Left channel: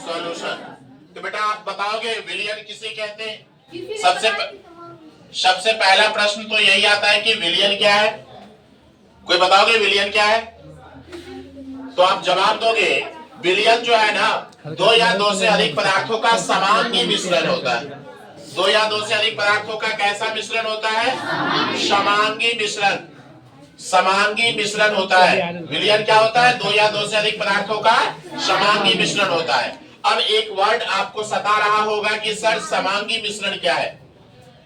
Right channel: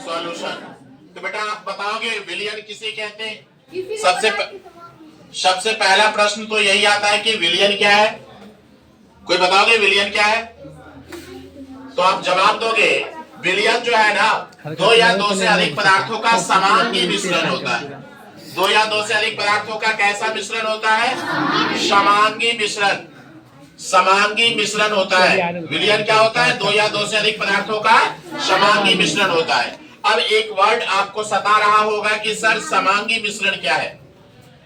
Solution. तो बेटा आप बताओगे विलयन किसे कहते हैं? सबसे पहला प्रश्न तो यही आता है कि विलयन क्या है। कोई बताओगे विलयन क्या है? तो आप जवाब दोगे विलयन जो है ना, दो या दो से अधिक पदार्थों का समांगी मिश्रण होता है। दो या दो से अधिक पदार्थों का कैसा मिश्रण होता है? समांगी मिश्रण। समांगी मिश्रण होता है। विलयन क्या होता है? दो या दो से अधिक पदार्थों का समांगी मिश्रण होता है। अब एक वर्ड आपको सता रहा होगा कि सर समांगी मिश्रण क्या है।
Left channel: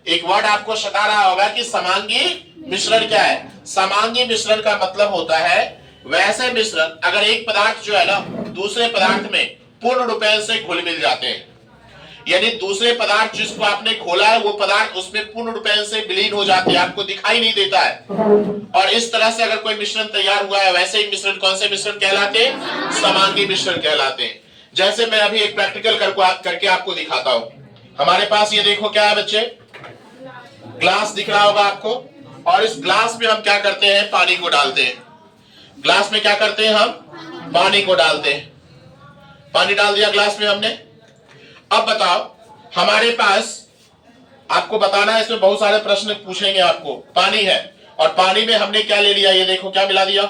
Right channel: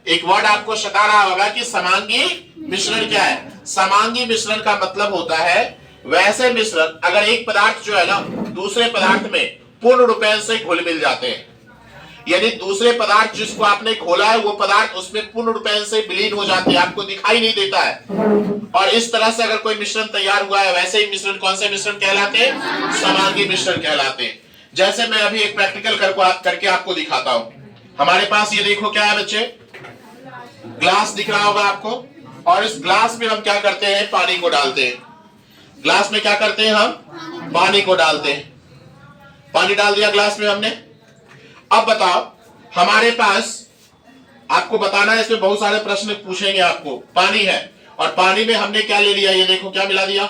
एक वर्ड आपको सता रहा होगा कि समांगी मिश्रण क्या है। समांगी मिश्रण का मतलब होता है वैसे मिश्रण अगर एक पदार्थ जो है ना दूसरे पदार्थ में पूर्ण रूप से घुल मिल जाते हैं, यानी दूसरे पदार्थ जिसको आपने खोला है वो पदार्थ उसमें पूर्ण रूप से विलीन हो जाती है, आपको दिखाई नहीं देता है। और इस तरह से अगर कोई मिश्रण तैयार हुआ है, वैसे ही मिश्रण कौन से मिश्रण कहलाते हैं? समांगी मिश्रण कहलाते हैं। जैसे मैं अभी एक प्रैक्टिकल करके आपको दिखाता हूं। हमारे पास ये देखो क्या है बच्चे, ग्लास दिख रहा होगा आपको, और इस ग्लास में हम क्या करते हैं? पानी को डालते हैं। ग्लास में क्या करते हैं? हम पानी को डालते हैं। पानी डाल दिया ग्लास में हमने। अब बताओ हमारे पास, आपको बताना है, इसमें बहुत सारे प्रश्न पूछेंगे आपको। पानी है और पानी में हमने क्या ले लिया? ये देखो क्या मिला दिया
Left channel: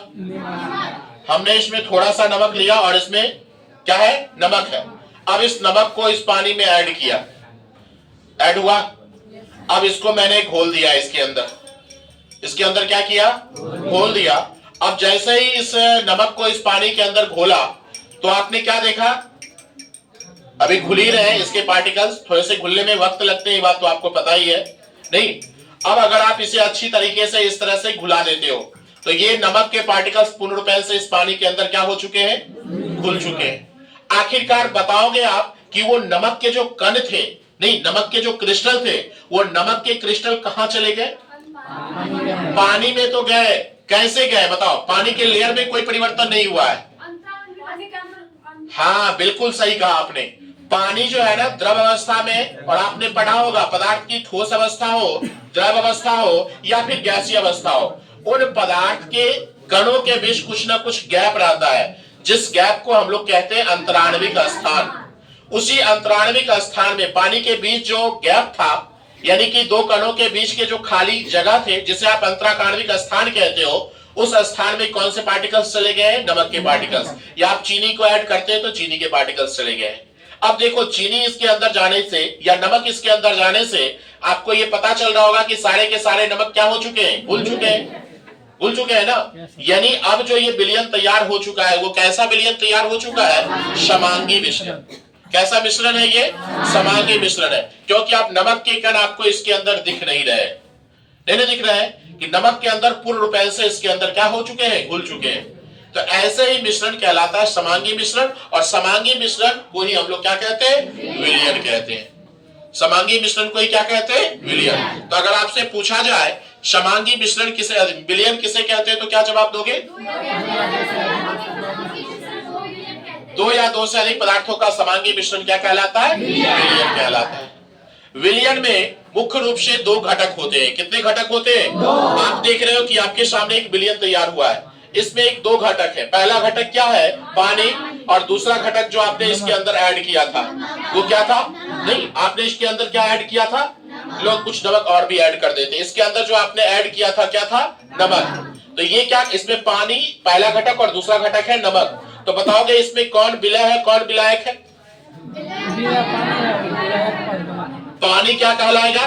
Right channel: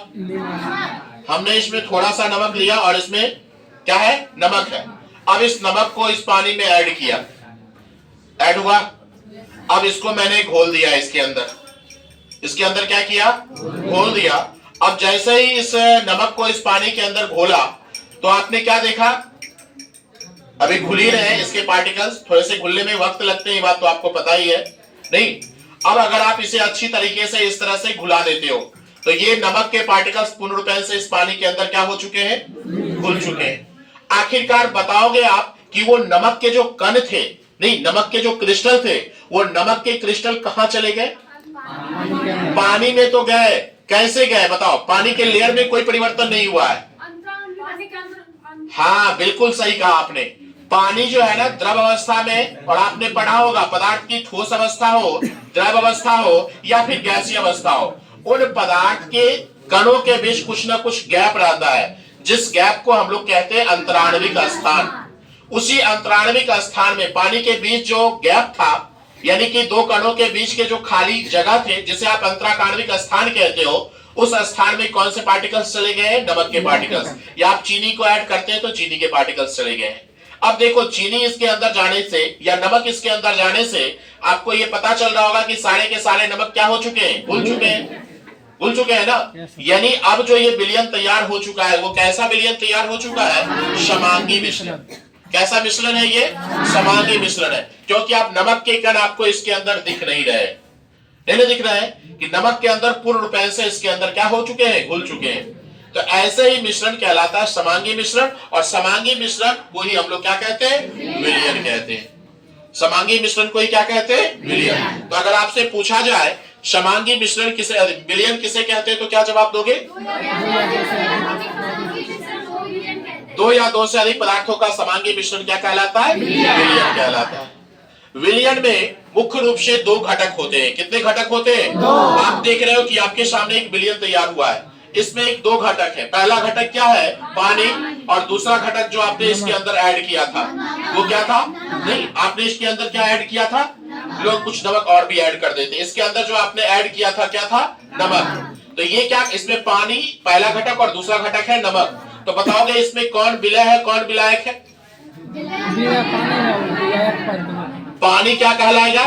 हमने, इसमें थोड़ा सा नमक लिया और इसमें क्या है? नमक है। अब इस नमक को इस पानी में ऐड किया, ऐड हुआ। अब इसको मैंने घोल दिया इसके अंदर क्या किया? घोल दिया। अब जैसे ही इस नमक को इस पानी के अंदर घोला तो आपने क्या देखा? अभी घुल ही रहे हैं इसके पार्टिकल्स, थोड़े से घुलने में वक्त लगते हैं, ये बात तो आपको पता ही है नहीं। अब अगर आप इसे अच्छी तरीके से इस तरह से घुला देते हो तो ये नमक के पार्टिकल्स पूर्ण रूप से इस पानी के अंदर क्या हो चुके हैं? घुल चुके हैं। आखिरकार बताओगे आप कि वो नमक के जो कण थे, नहीं नमक के जो क्रिस्टल थे, वो नमक के क्रिस्टल कहां चले गए? पानी में तो गए। कैसे गए बताओ? पानी के लेयर में कोई परिवर्तन नहीं हुआ है। हाँ बिल्कुल सही कहा आपने। पानी जो है ना द्रव अवस्था में, और आपने पढ़ा होगा पदार्थ की ठोस अवस्था हो, द्रव अवस्था हो या फिर गैसीय अवस्था हो, उन पदार्थ के कणों के बीच कुछ ना कुछ गैप रहता है, जिस गैप को हम लोग कहते हैं अंतराणविक स्थान। उसी अंतराणविक स्थान में पानी के बीच जो गैप था, यानी कि दो कणों के बीच के जो खाली जगह थे, जिसे आप अंतराकार्णविक स्थान कहते हो, उस स्थान में कौन से पार्टिकल्स चले गए? नमक के पार्टिकल्स। या आप चीनी को ऐड करते हैं तो चीनी के पार्टिकल्स चले गए। अब देखो चीनी इसके अंदर जाने से या नमक इसके अंदर जाने से आपको ये पता चल रहा होगा कि सारे के सारे नमक क्या हो चुके हैं? घुल चुके हैं। घुल चुके हैं ना। यानी अब जो ये विलयन तैयार हो चुका है, वो कैसा विलयन तैयार हो चुका है? समांगी मिश्रण। कैसा मिश्रण है ये? समांगी मिश्रण है। क्योंकि आप नमक के कण आपको इसके अंदर दिख नहीं रहे, नहीं दिख रहे हैं कि नमक के अंदर पूर्ण रूप से इसके अंदर क्या हो चुके हैं? घुल चुके हैं। तो ऐसे ही मिश्रण कहलाता है समांगी मिश्रण, और समांगी मिश्रण को ही हम लोग क्या कहते हैं? विलयन कहते हैं। समांगी मिश्रण को ही क्या कहते हैं? विलयन। तो अगर आपसे पूछा जाए समांगी मिश्रण किसे, विलयन किसे कहते हैं, तो क्या जवाब दोगे? दो या दो से अधिक पदार्थों का समांगी मिश्रण क्या कहलाता है? विलयन कहलाता है। विलयन में मुख्य रूप से दो घटक होते हैं। कितने घटक होते हैं? आप देख रहे हो कि आपके सामने एक विलयन तैयार हुआ है, इसमें एक दो घटक है। पहला घटक क्या है? पानी। और दूसरा घटक जो आपने इसके अंदर ऐड किया था वो क्या था? नहीं, आपने इसके अंदर क्या ऐड किया था? लोग कुछ नमक और भी ऐड कर देते। इसके अंदर जो आपने ऐड किया था क्या था? नमक। तो ये क्या, इसमें पानी पहला घटक और दूसरा घटक है नमक। तो बताओगे इसमें कौन विलय है, कौन विलायक है? पानी क्या कहलाएगा?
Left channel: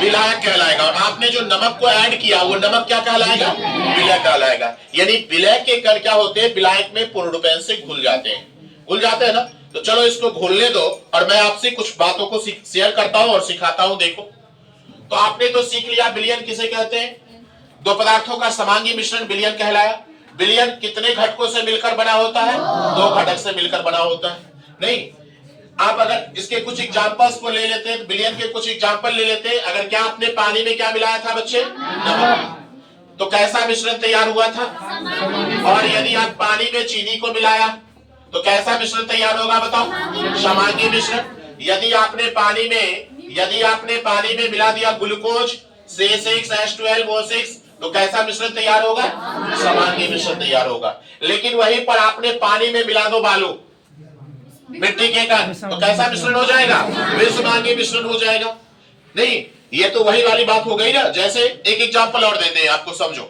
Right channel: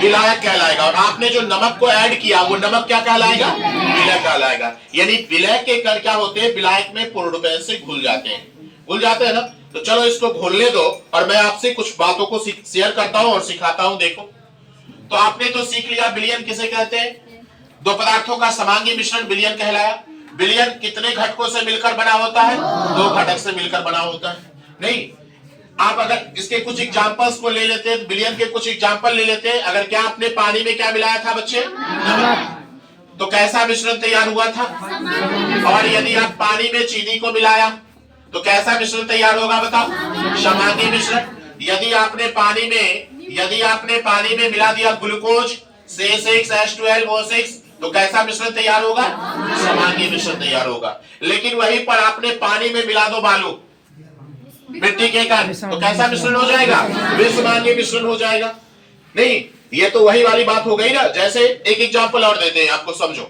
विलायक कहलाएगा। और आपने जो नमक को ऐड किया वो नमक क्या कहलाएगा? विलय कहलाएगा। यानी विलय के कण क्या होते हैं? विलायक में पूर्ण रूप से घुल जाते हैं। घुल जाते हैं ना। तो चलो इसको घोलने दो और मैं आपसे कुछ बातों को शेयर करता हूं और सिखाता हूं। देखो, तो आपने तो सीख लिया विलयन किसे कहते हैं। दो पदार्थों का समांगी मिश्रण विलयन कहलाया। विलयन कितने घटकों से मिलकर बना होता है? दो घटक से मिलकर बना होता है। नहीं, आप अगर इसके कुछ एग्जांपल्स को ले लेते हैं, विलयन के कुछ एग्जांपल ले लेते हैं। अगर क्या आपने पानी में क्या मिलाया था बच्चे? नमक। तो कैसा मिश्रण तैयार हुआ था? और यदि आप पानी में चीनी को मिलाया तो कैसा मिश्रण तैयार होगा बताओ? समांगी मिश्रण। यदि आपने पानी में मिला दिया ग्लूकोज C6H12O6 तो कैसा मिश्रण तैयार होगा? समांगी मिश्रण तैयार होगा। लेकिन वहीं पर आपने पानी में मिला दो बालू, मिट्टी के कण, तो कैसा मिश्रण हो जाएगा? विषमांगी मिश्रण हो जाएगा। नहीं, ये तो वही वाली बात हो गई ना। जैसे एक एग्जांपल और देते हैं आपको, समझो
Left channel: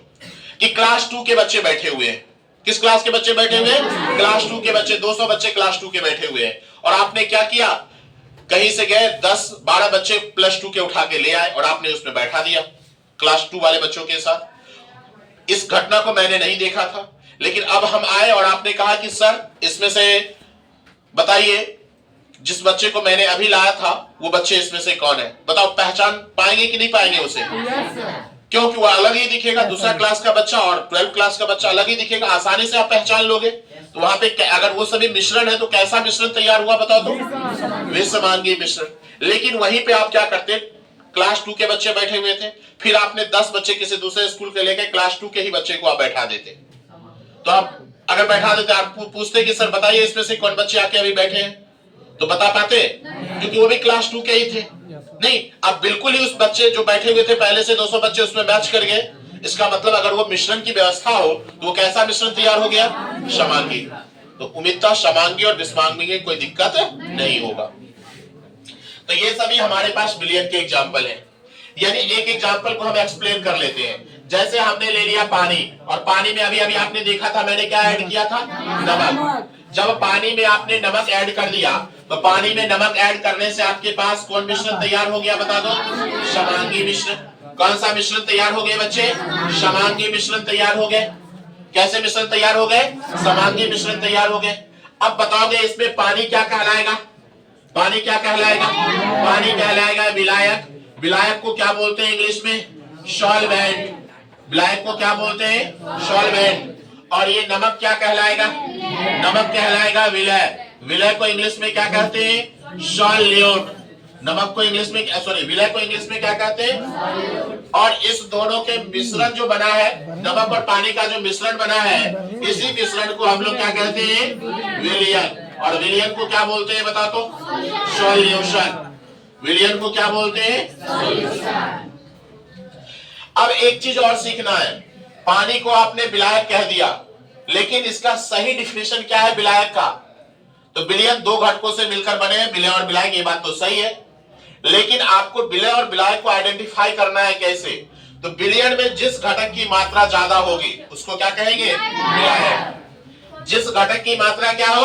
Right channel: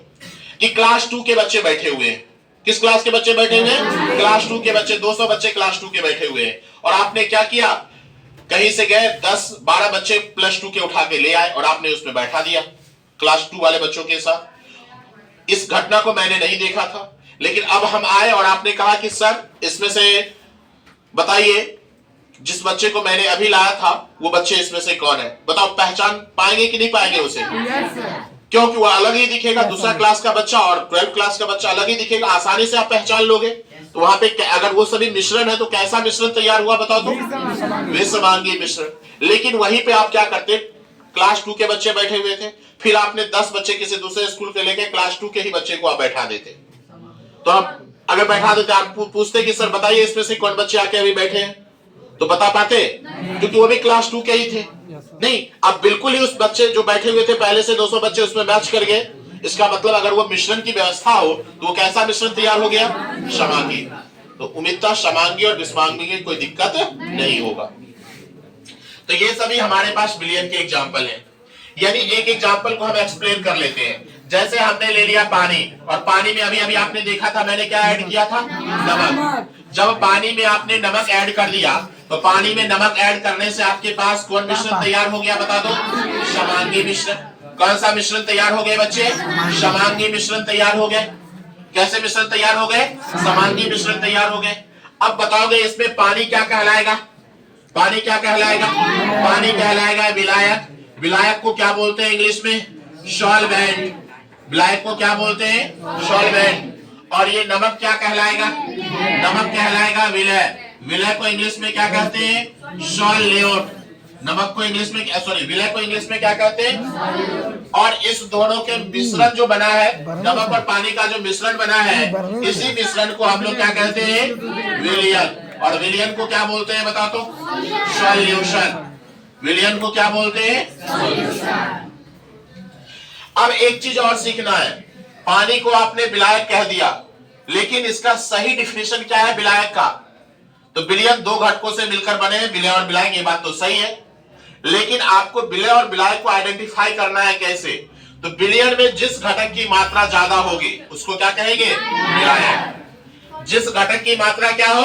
कि क्लास 2 के बच्चे बैठे हुए हैं। किस क्लास के बच्चे बैठे हुए हैं? क्लास 2 के बच्चे। 200 बच्चे क्लास 2 के बैठे हुए हैं। और आपने क्या किया, कहीं से गए 10-12 बच्चे प्लस 2 के उठा के ले आए और आपने उसमें बैठा दिया क्लास 2 वाले बच्चों के साथ। इस घटना को मैंने नहीं देखा था, लेकिन अब हम आए और आपने कहा कि सर इसमें से बताइए जिस बच्चे को मैंने अभी लाया था वो बच्चे इसमें से कौन है? बताओ, पहचान पाएंगे कि नहीं पाएंगे उसे? क्योंकि वो अलग ही दिखेगा। दूसरा क्लास का बच्चा और 12th क्लास का बच्चा अलग ही दिखेगा। आसानी से आप पहचान लोगे। तो वहां पे अगर वो सभी मिश्रण है तो कैसा मिश्रण तैयार हुआ बताओ तो? विषमांगी मिश्रण। लेकिन वहीं पे आप क्या करते, क्लास 2 के बच्चे बैठे हुए थे, फिर आपने 10 बच्चे किसी दूसरे स्कूल के लेके क्लास 2 के ही बच्चे को आप बैठा देते। तो आप अगर बैठा देते, आप पूछते कि सर बताइए इसमें से कौन बच्चे आके अभी बैठे हैं, तो बता पाते? क्योंकि वो भी क्लास 2 के ही थे। नहीं, अब बिल्कुल ही उस बच्चे जो बैठे हुए थे पहले से 200 बच्चे उसमें मैच कर गए। इसका मतलब अगर वो मिश्रण की व्यवस्था हो तो वो कैसा मिश्रण तैयार हो गया? समांगी। तो उम्मीद था समांगी और विषमांगी में कोई दिक्कत नहीं होगा। तो ये सभी हमारे पास विलयन के एग्जाम्पल हैं। यानी एक एग्जाम्पल को हम एक्सप्लेन कर लेते हैं। जैसे हमने ले लिया पानी, और पानी में अभी अभी आपने देखा था मैंने क्या ऐड किया था? नमक। जब पानी में आपने नमक ऐड कर दिया तो पानी में नमक ऐड करने से आपके पास कौन मिश्रण तैयार हो गया बता दो? समांगी मिश्रण। कौन सा मिश्रण तैयार हो गए बच्चे? समांगी मिश्रण तैयार हो गए। कैसे मिश्रण तैयार हो गए? समांगी मिश्रण तैयार हो गए। अब बताओगे इसमें पानी क्या कहलाएगा? पानी क्या कहलाएगा? पानी कहलाएगा विलायक। विलायक को क्या बोलते हैं इंग्लिश में? सॉल्वेंट। विलायक को क्या बोलते हैं? सॉल्वेंट। और ये नमक क्या कहलाएगा? नमक कहलाएगा विलय। विलय को इंग्लिश में क्या कहते हैं? सॉल्यूट। नमक को इंग्लिश में, सॉरी, विलय को इंग्लिश में क्या कहते हैं? और इस दोनों के मिश्रण जो बना है, नमक और पानी का जो मिश्रण बना है, इसी मिश्रण को हम लोग क्या कहते हैं? विलयन। और विलयन को क्या बोलते हैं बता तो? सॉल्यूशन। विलयन को क्या बोलते हैं? अब एक चीज और सीखना है। पानी को आपने विलायक कह दिया, लेकिन इसका सही डिफिनेशन क्या है विलायक का? तो विलयन दो घटकों से मिलकर बने हैं, विलय और विलायक, ये बात तो सही है। लेकिन आपको विलय और विलायक को आइडेंटिफाई करना है कैसे? तो विलयन में जिस घटक की मात्रा ज्यादा होगी उसको क्या कहेंगे? विलायक। जिस घटक की मात्रा क्या हो?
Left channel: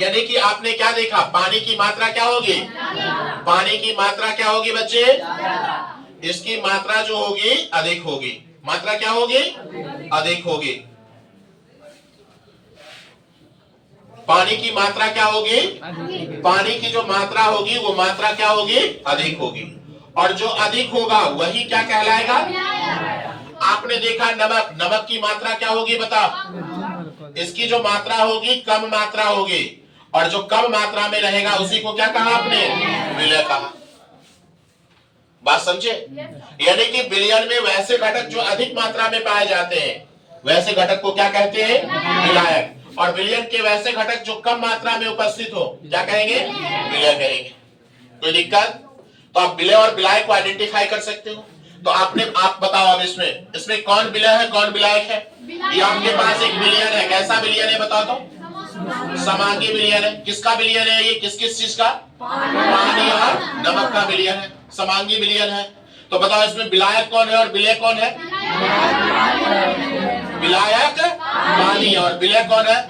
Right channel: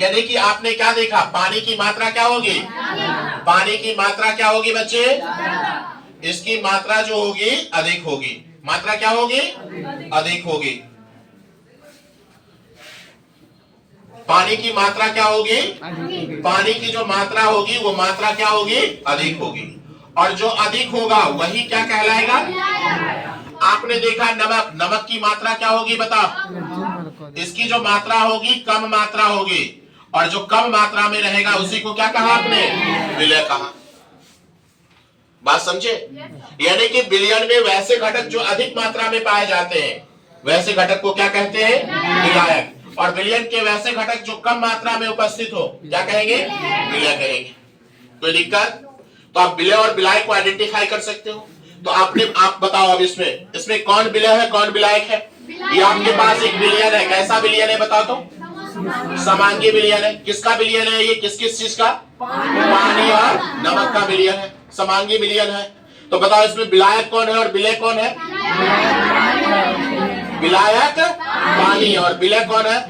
यानी कि आपने क्या देखा, पानी की मात्रा क्या होगी? पानी की मात्रा क्या होगी बच्चे? इसकी मात्रा जो होगी अधिक होगी। मात्रा क्या होगी? अधिक होगी। पानी की मात्रा क्या होगी? पानी की जो मात्रा होगी वो मात्रा क्या होगी? अधिक होगी। और जो अधिक होगा वही क्या कहलाएगा? आपने देखा नमक, नमक की मात्रा क्या होगी बताओ? इसकी जो मात्रा होगी कम मात्रा होगी, और जो कम मात्रा में रहेगा उसी को क्या कहा आपने? विलय कहा। बात समझे? यानी कि विलयन में वैसे घटक जो अधिक मात्रा में पाए जाते हैं वैसे घटक को क्या कहते हैं? विलायक। और विलयन के वैसे घटक जो कम मात्रा में उपस्थित हो क्या कहेंगे? विलय कहेंगे। कोई दिक्कत? तो आप विलय और विलायक को आइडेंटिफाई कर सकते हो। तो आप बताओ अब इसमें कौन विलय है कौन विलायक है? ये आपके पास एक विलयन है। कैसा विलयन है बताओ तो? समांगी विलयन है। किसका विलयन है ये? किस किस चीज का? पानी और नमक का विलयन है, समांगी विलयन है। तो बताओ इसमें विलायक कौन है और विलय कौन है? विलायक पानी और विलय कौन है?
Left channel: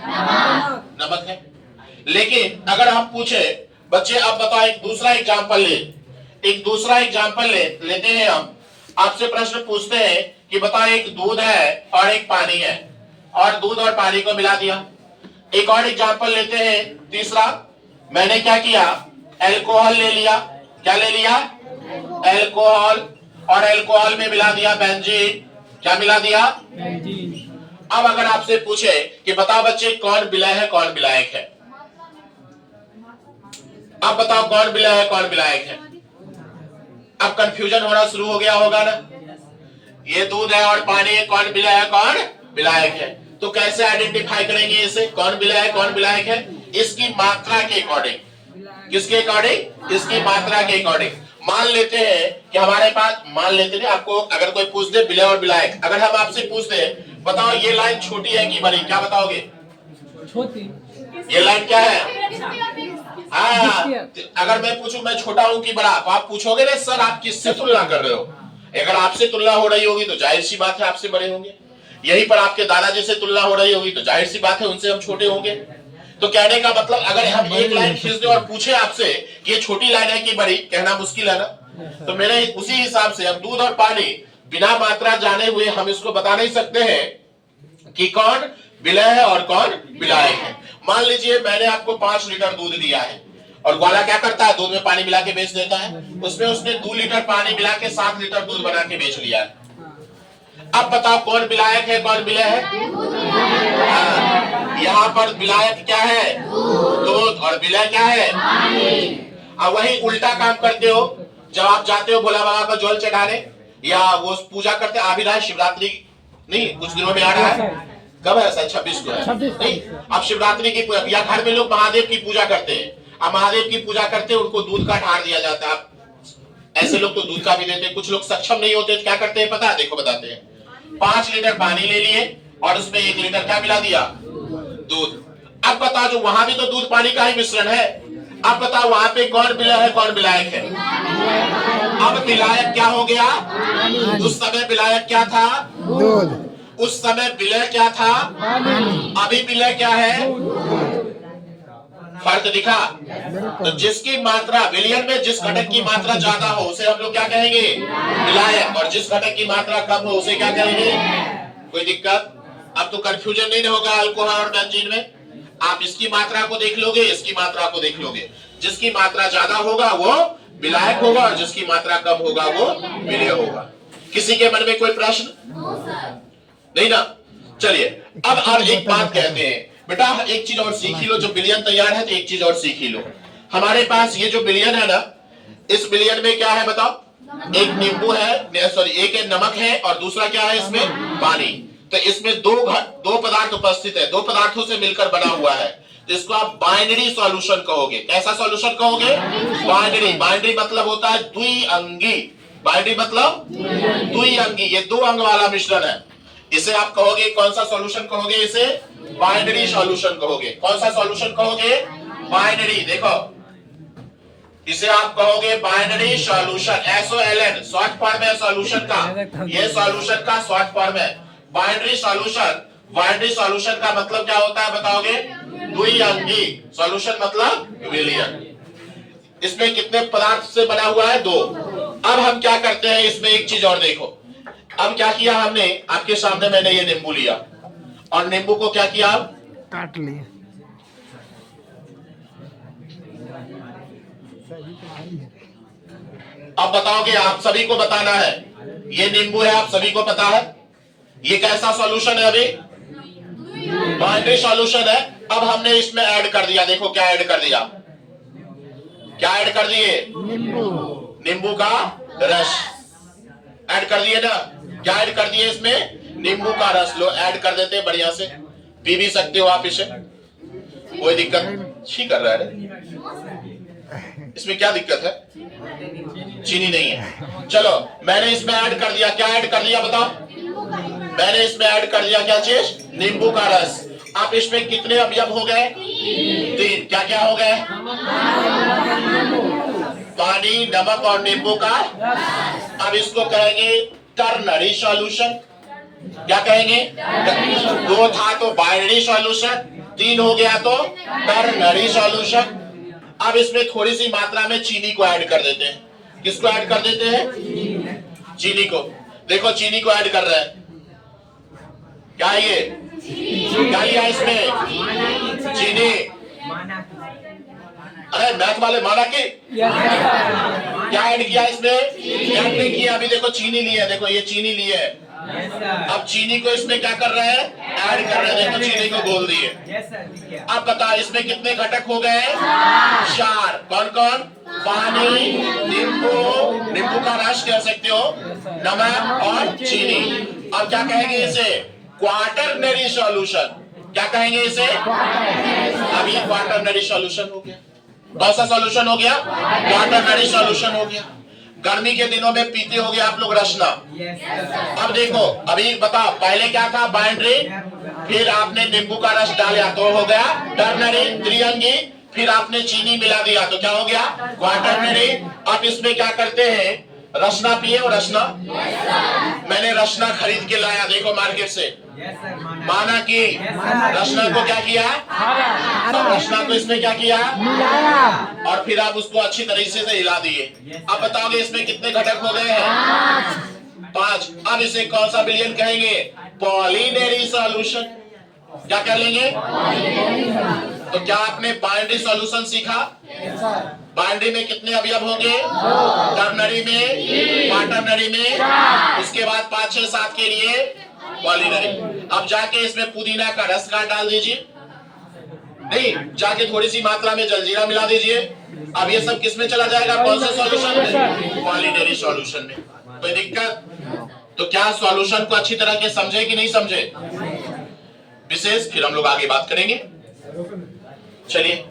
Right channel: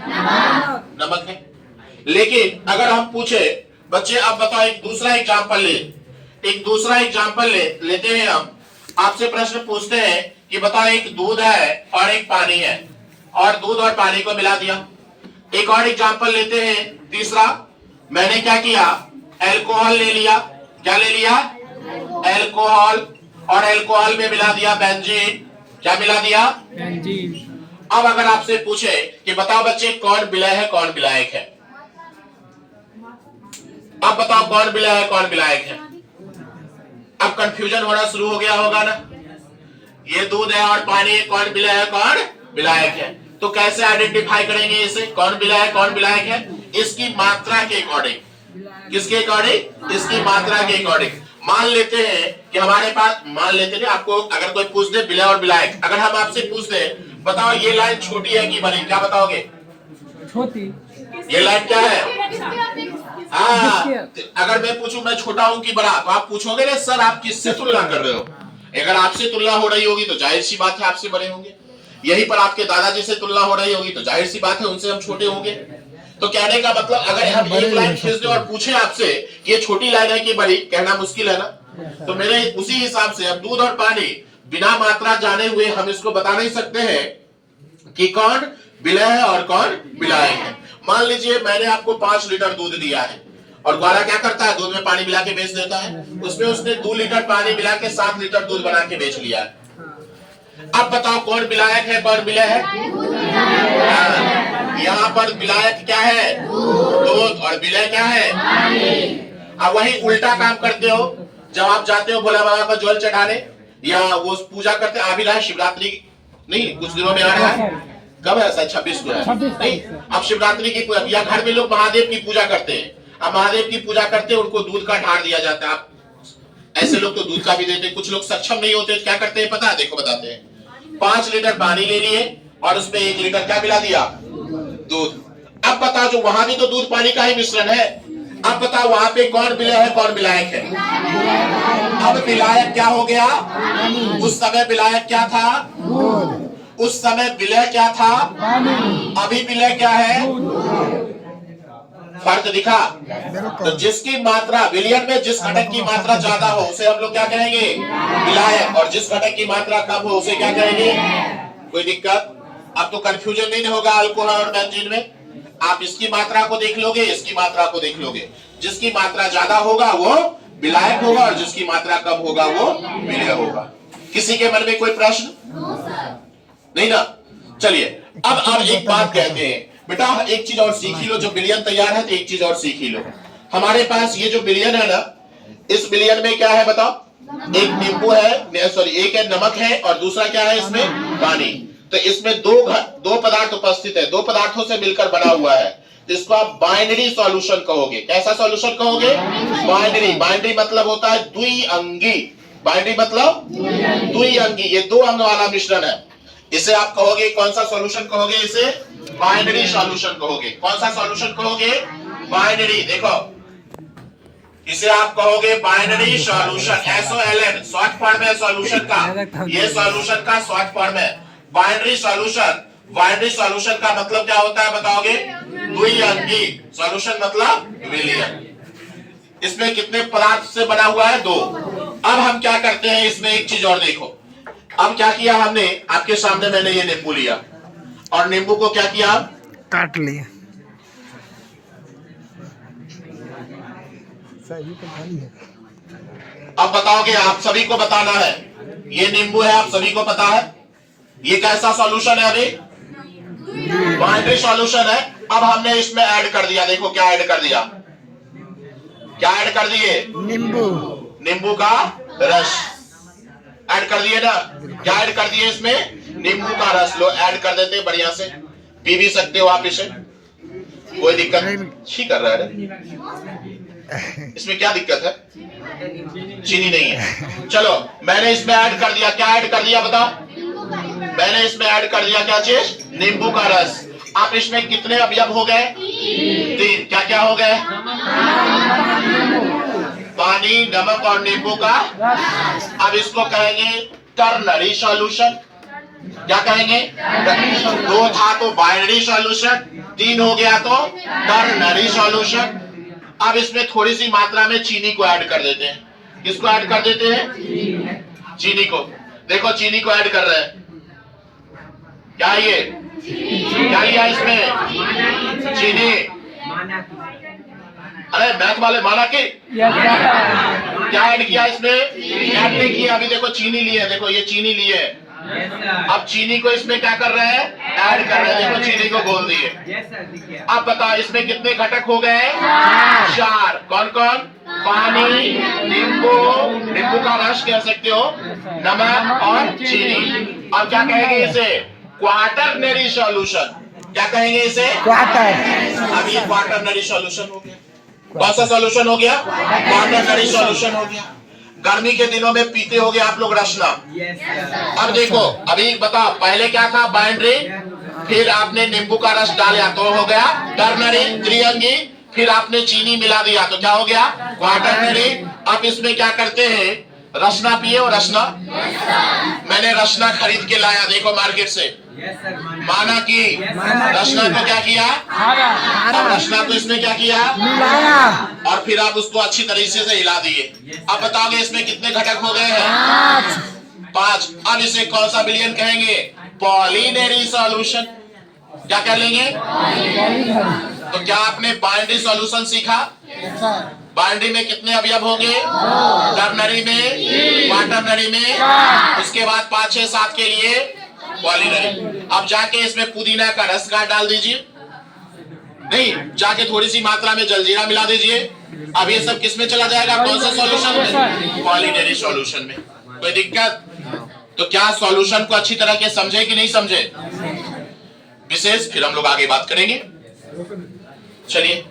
नमक है। लेकिन अगर हम पूछे बच्चे, अब बताओ एक दूसरा एग्जाम्पल लेते हैं हम। आपसे प्रश्न पूछते हैं कि बताओ एक दूध है और एक पानी है, और दूध और पानी को मिला दिया। एक और एग्जाम्पल लेते हैं, तीसरा। मैंने क्या किया? अल्कोहल ले लिया। क्या ले लिया? अल्कोहल। और अल्कोहल में मिला दिया बेंजीन। क्या मिला दिया? बेंजीन। अब अगर आपसे पूछे कि बताओ बच्चे कौन विलय है कौन विलायक है? अब बताओ कौन विलय है कौन विलायक है? अब कंफ्यूजन होना शुरू हो गया होगा ना। ये दूध है और पानी है, कौन विलय है कौन विलायक है? तो कैसे आइडेंटिफाई करेंगे इसे? कौन विलय है कौन विलायक है? इसकी मात्रा के अकॉर्डिंग। किसके अकॉर्डिंग? इसकी मात्रा के अकॉर्डिंग। मान लेते हैं कि हमारे पास, मान लेते हैं आपको अगर कोई पूछ दे विलय और विलायक, अगर हम आपसे पूछ दे बताओ ये लाइन छोटी है कि बड़ी, क्या बताओगे? छोटी। ये लाइन क्या है? हाँ, अगर मैं पूछूं मैं छोटा हूं कि बड़ा, तो आप पूछोगे ना सर आप किससे तुलना कर रहे हो। अगर आपसे तुलना हो रही होगी तो जाहिर सी बात है आपसे बड़े होंगे। यहीं पर आपके दादाजी से तुलना हो रही होगी तो जाहिर सी बात है उनसे हम छोटे होंगे। तो कहने का मतलब अगर हम एक लाइन खींच दें और पूछे आपसे कि ये छोटी लाइन है कि बड़ी, कहना मुश्किल है ना। तो मेरे उसी हिसाब से अब दूध और पानी बिना मात्रा जाने हुए हम इसको बता नहीं सकते हैं कि कौन विलय है और कौन विलायक है। मान लीजिए मैंने आपको 5 लीटर दूध दिया है और ग्वाला क्या करता है, दूध में पानी मिला के बेच देता है। उसमें उसने 2 लीटर पानी मिला के 7 लीटर दूध बना के बेच लिया है। अब बताओ कौन विलायक है कौन विलय है। यहाँ पर विलायक क्या है, दूध, और विलय क्या है। अब वही उल्टा काम करते हो जब आप जाते हो भोला बाबा को जल चढ़ाने या वो पूजा करते आ भी रहा है शिवरात्रि, नहीं कुछ दिनों में आ रहा है, कब है सर 26 को है नहीं। अब शिवरात्रि की या घर में लोग महादेव की पूजा करते हैं। अब महादेव की पूजा करते हैं उनको दूध का ढार दिया जाता है। ऐसे लोग तो दूध का भी देते हैं। कुछ लोग सक्षम नहीं होते क्या करते हैं पता है, देखो बताते हैं। 5 लीटर पानी ले लिए और उसमें 1 लीटर क्या मिला दिया, दूध। अब बताओ जो वहां भी तो दूध पानी का ही मिश्रण है। अब बताओ वहां पे कौन विलय है कौन विलायक है। अब विलायक क्या हो गया, उस समय विलायक क्या था, दूध। उस समय विलय क्या था, अभी विलय क्या है, फर्क दिखा। तो जिसकी मात्रा विलियन में जिस घटक की मात्रा ज्यादा हो उसे हम लोग क्या कहेंगे, विलायक, और जिस घटक की मात्रा कम हो उसे क्या कहेंगे। कोई दिक्कत, अब तो कंफ्यूजन नहीं होगा अल्कोहल और बेंजीन में। आप इसकी मात्रा को देख लोगे इसकी मात्रा को देख लोगे, जिसकी मात्रा ज्यादा होगा वो विलायक होगा और जिसकी मात्रा कम होगा वो विलय होगा। किसी के मन में कोई प्रश्न नहीं ना। चलिए अब एक बात कहते हैं बेटा, एक चीज और सीख ही लो। जब विलयन तैयार है तो एक चीज और सीख ही लो। हमारे पास ये जो विलयन है ना, इस विलयन में क्या है बताओ, एक नींबू है, सॉरी एक है नमक है और दूसरा क्या है इसमें पानी। तो इसमें दो पदार्थ उपस्थित है, 2 पदार्थों से मिलकर बना हुआ है। तो इसको आप बाइनरी सॉल्यूशन कहोगे। कैसा सॉल्यूशन कहोगे, बाइनरी। बाइनरी मतलब होता है द्विअंगी। बाइनरी मतलब द्विअंगी, ये 2 अंग वाला मिश्रण है। इसे आप कहोगे कौन सा सॉल्यूशन कहोगे, इसे बाइनरी सॉल्यूशन कहोगे। कौन सा सॉल्यूशन कहोगे, बाइनरी। देखो इसे आप कहोगे binary solution, SOLN short form है सॉल्यूशन का। ये सॉल्यूशन का शॉर्ट फॉर्म है बाइनरी सॉल्यूशन। बाइनरी सॉल्यूशन का मतलब क्या होता है बताओगे, द्विअंगी। सॉल्यूशन मतलब विलयन। इसमें कितने पदार्थ से बना हुआ है, 2। अब हम क्या करते हैं इसमें एक चीज और देखो। अब क्या किया हमने, आपके सामने मैंने ये नींबू लिया और नींबू को क्या किया, काट लिया। अब बताओगे, आप सभी को बताना है। ये नींबू है, आप सभी को पता है। ये कैसा सॉल्यूशन है, अभी बाइनरी सॉल्यूशन है। अब हमने इसमें ऐड कर दिया, देखो क्या ऐड कर दिया, क्या ऐड कर दिए, नींबू का रस ऐड कर दिए ना। क्या ऐड कर दिए इसमें, नींबू का रस। लो ऐड कर देते बढ़िया से, पी भी सकते हो आप इसे, कोई दिक्कत नहीं कर रहा है। इसमें क्या दिक्कत है, चीनी नहीं है। चलो मैंने इसमें ऐड कर दिया, क्या ऐड कर दिया बताओ, मैंने इसमें ऐड कर दिया क्या चीज, नींबू का रस। आप इसमें कितने अवयव हो गए, 3। क्या क्या हो गए, पानी, नमक और नींबू का। अब इसको कहेंगे टर्नरी सॉल्यूशन। क्या कहेंगे, 2 था तो बाइनरी सॉल्यूशन, 3 हो गया तो टर्नरी सॉल्यूशन। अब इसमें थोड़ी सी मात्रा में चीनी को ऐड कर देते हैं। किसको ऐड कर देते हैं, चीनी को। देखो चीनी को ऐड कर रहे हैं, क्या ये, क्या लिया इसमें, चीनी। अरे मैथ वाले माना कि क्या ऐड किया इसमें, ऐड नहीं किया। अभी देखो चीनी ली है, देखो ये चीनी ली है। अब चीनी को इसमें क्या कर रहे हैं, ऐड कर रहे हैं। देखो चीनी को बोल दिए। अब बताओ इसमें कितने घटक हो गए, 4। कौन कौन, पानी, नींबू का रस कह सकते हो, नमक और चीनी। अब क्या कहेंगे इसे, क्वाटरनरी सॉल्यूशन। क्या कहेंगे इसे, अब ये क्वाटरनरी सॉल्यूशन हो गया। कौन सा सॉल्यूशन हो गया, क्वाटरनरी सॉल्यूशन हो गया। गर्मी के दिनों में पीते होगे आप लोग रसना। अब देखो अभी बताओ, पहले क्या था, बाइनरी, फिर आपने नींबू का रस डाला तो हो गया टर्नरी, त्रिअंगी, फिर आपने चीनी मिला दिया तो क्या हो गया? क्वाटरनरी। अब इसमें क्या करते हैं? रसना पिए हो? रसना मैंने रसना खरीद के लाया, देखो मार्केट से। माना कि रसना को क्या किया? अब रसना को इसमें क्या किया? मिलाया। और फिर आप उसको अच्छी तरीके से हिला दिए। अब बताओगे इसमें कितने घटक हो गए हैं? 5। अब इसे कौन सा विलयन कहेंगे? पॉलिनरी सॉल्यूशन। क्या कह लेंगे? तो क्या आपने बाइनरी सॉल्यूशन सीखा? बाइनरी में कितने अवयव होंगे? टर्नरी में, क्वाटरनरी में, उसके बाद 5, 6, 7 के लिए पॉलिनरी। अब जाके इसमें पुदीना का रस का डाल दीजिए, नहीं जाके थोड़ी सी मात्रा में जलजीरा मिला दीजिए। अब ये सब किस में चला जाएगा? कौन सा सॉल्यूशन में? पॉलिनरी सॉल्यूशन में। कोई दिक्कत? तो क्या सॉल्यूशन को अच्छी तरह के समझे कि नहीं समझे? विशेष फिर हम लोग आगे बात करेंगे। चलिए।